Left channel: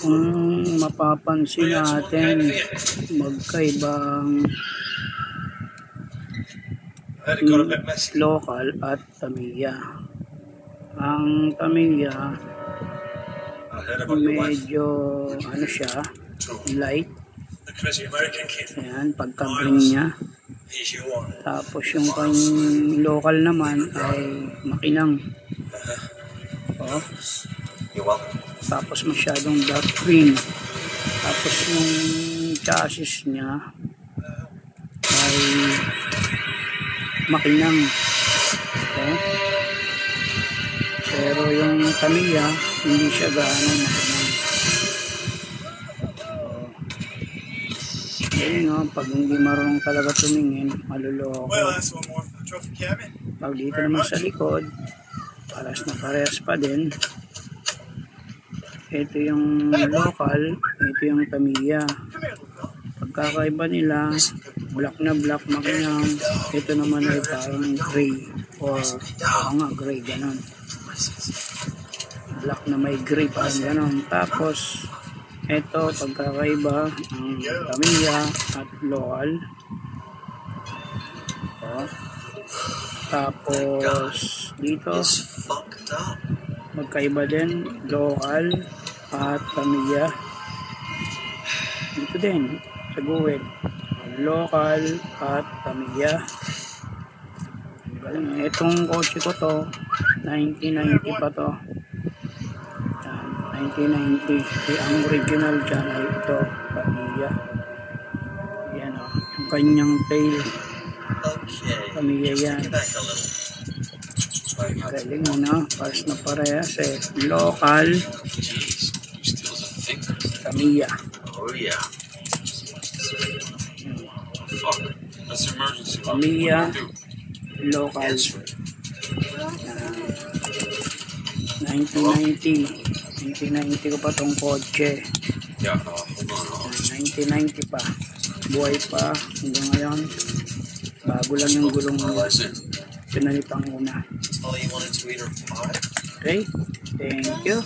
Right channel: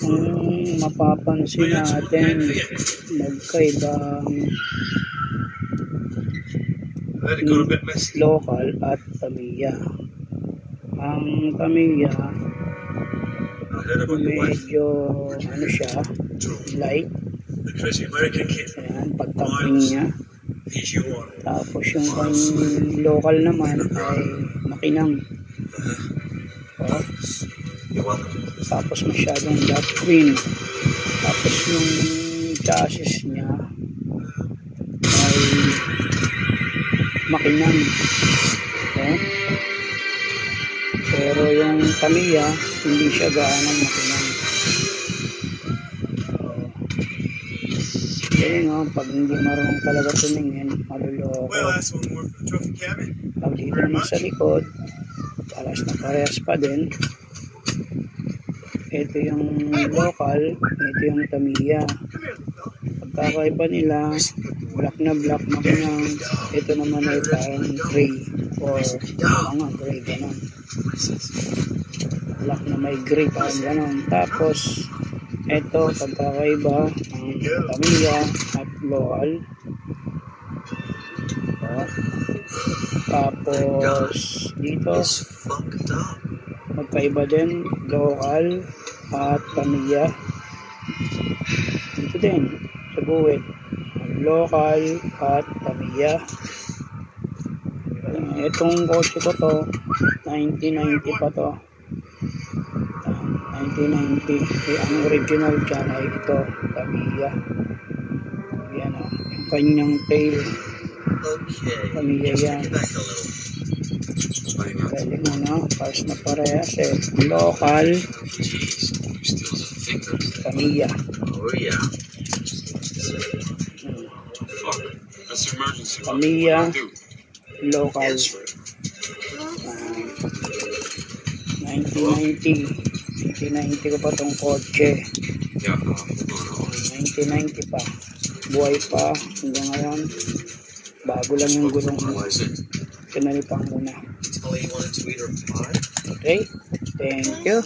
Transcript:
Kung mapapansin natin, magkaibang local at Tamiya. Ang Tamiya medyo ano siya, light. Ayan, pagka-green niya. Tapos yung kanyang local naman ay makinang. Tapos masyadong dark green. Tapos yung chassis niya ay makinang. Pero yung Tamiya hindi siya gaano makinang. Pag hindi marunong talaga tumingin, maluloko. Pag dito naman sa likod, parehas pa din. Ito yung local, ito yung Tamiya. Pagkakaiba nila, black na black makinang, ito naman ay parang gray o gray ganon. Black na may gray parang ganon. Tapos ito pagkakaiba ang Tamiya at local. Tapos dito magkaiba din, local at Tamiya. Dito din sa guwit, local at Tamiya. Itong kotse ko to 1990 pa to, 1990. Ang original dyan ay ito, Tamiya. Yan o, yung kanyang tail, Tamiya yan. Galing pas na parehas eh. Local Tamiya. Tamiya local. 1990 ko pa tong kotse. 1990 pa, buhay pa hanggang ngayon. Bago lang yung gulong mo, pinalipang muna. Okay, thank you.